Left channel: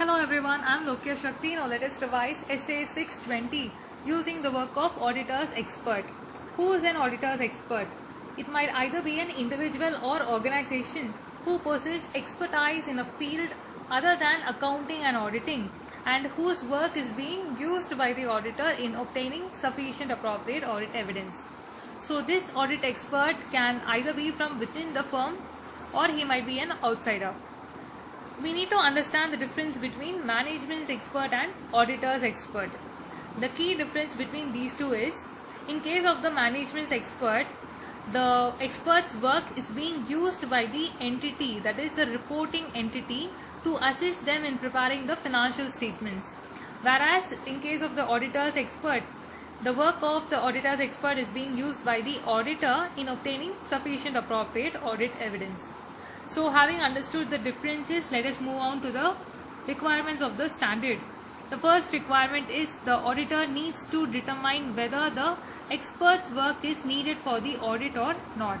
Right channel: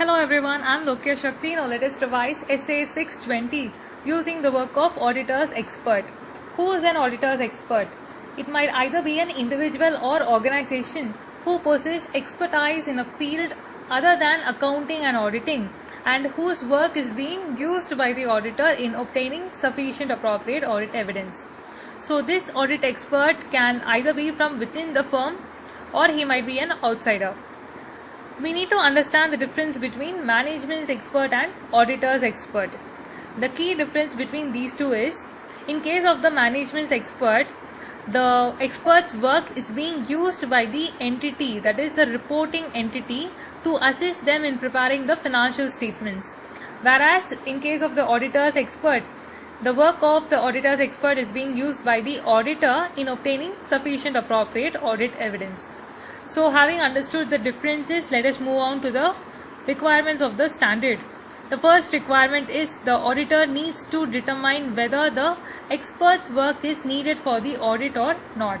Hello everyone, I am Lokya Shakti. Now let us revise essay 620 using the work of auditor's expert. Who is an auditor's expert? It might either be an individual or organization who possesses expertise in a field other than accounting and auditing, and whose work is being used by the auditor in obtaining sufficient appropriate audit evidence. So this audit expert can either be from within the firm or he might be an outsider. We need to understand the difference between management's expert and auditor's expert. The key difference between these two is, in case of the management's expert, the expert's work is being used by the entity, that is the reporting entity, to assist them in preparing the financial statements. Whereas in case of the auditor's expert, the work of the auditor's expert is being used by the auditor in obtaining sufficient appropriate audit evidence. So having understood the differences, let us move on to the requirements of the standard. The first requirement is the auditor needs to determine whether the expert's work is needed for the audit or not.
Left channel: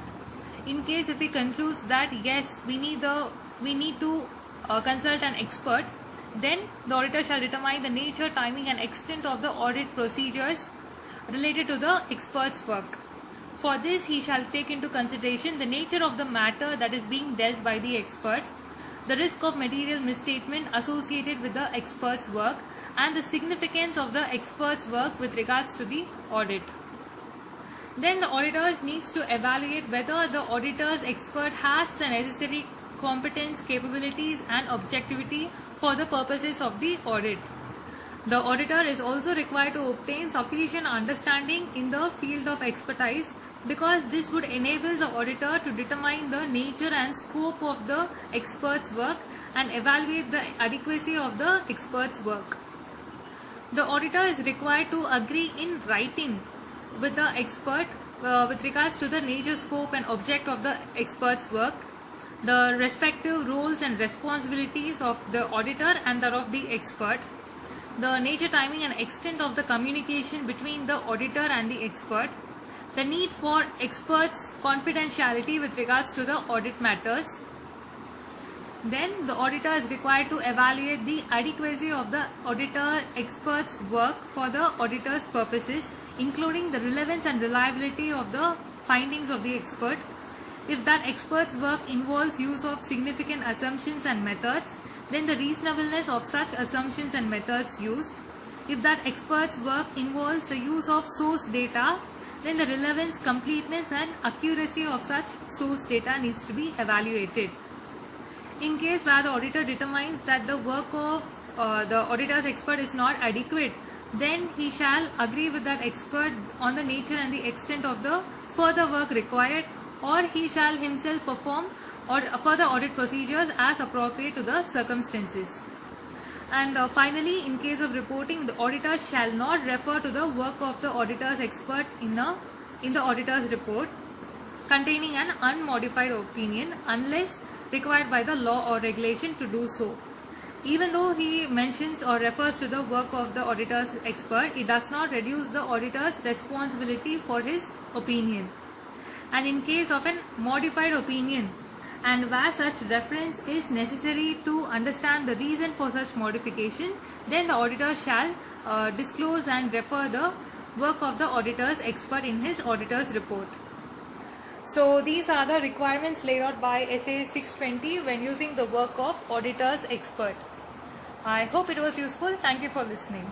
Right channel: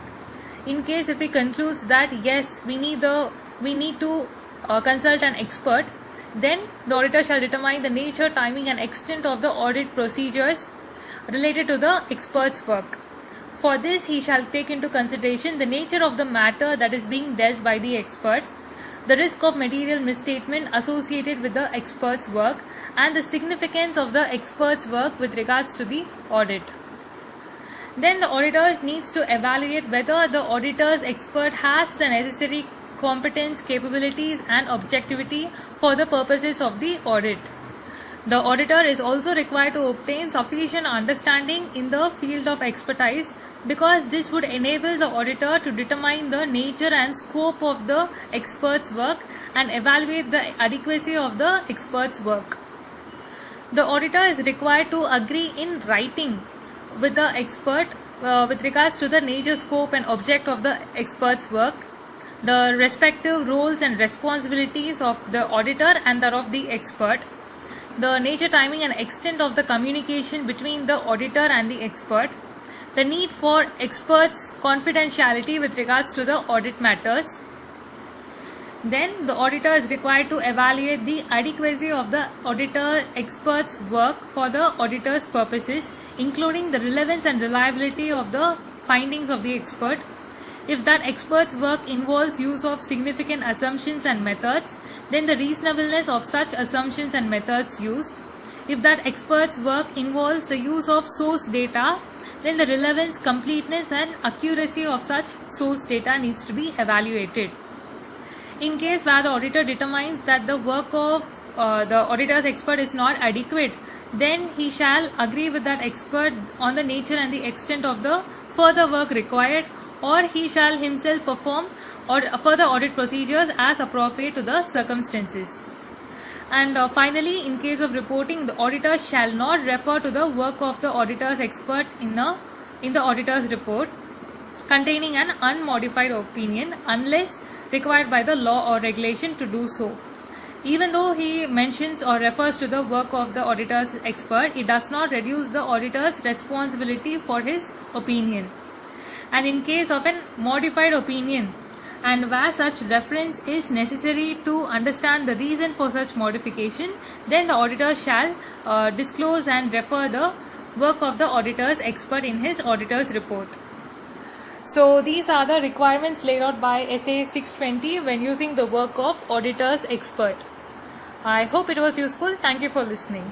In case if he concludes that yes, we need to consult an expert, then the auditor shall determine the nature, timing and extent of the audit procedures related to the expert's work. For this, he shall take into consideration the nature of the matter that is being dealt by the expert, the risk of material misstatement associated with the expert's work, and the significance of the expert's work with regards to the audit. Then the auditor needs to evaluate whether the auditor's expert has the necessary competence, capabilities and objectivity for the purposes of the audit. The auditor is also required to obtain sufficient understanding in the field of expertise, because this would enable the auditor to determine the nature and scope of the expert's work and evaluate the adequacy of the expert's work. The auditor is required to agree in writing with the expert with regards to the nature, scope and object of the expert's work, the respective roles and responsibilities of the auditor and that of the expert, the nature, timing and extent of the communication between the auditor and the expert, the need for experts' confidentiality with regards to the audit matters. Then the auditor is required to evaluate the adequacy of the auditor expert's work for the auditor's purposes, including the relevance and reliability of the findings of the expert. If that expert's work involves use of significant assumptions and methods, then the reasonableness of such assumptions and methods used. If that expert's work involves the use of source data, then the relevance, completeness and accuracy of such source data needs to be evaluated. In case where the auditor determines that the work of the auditor's expert is not adequate, then he shall agree with that expert on the nature and the extent of the further work required, or he shall himself perform further audit procedures as appropriate to the circumstances. And finally, in case of reporting, the auditor shall not refer to the work of the auditor's expert in the auditor's report containing an unmodified opinion unless required by the law or regulation to do so. Even though he mentions or refers to the work of the auditor's expert, it does not reduce the auditor's responsibility for his opinion. And in case of a modified opinion, and where such reference is necessary to understand the reason for such modification, then the auditor shall disclose and refer the work of the auditor's expert in his auditor's report. So these are the requirements laid out by essay 620 when using the work of auditor's expert. I hope it was useful. Thank you for listening.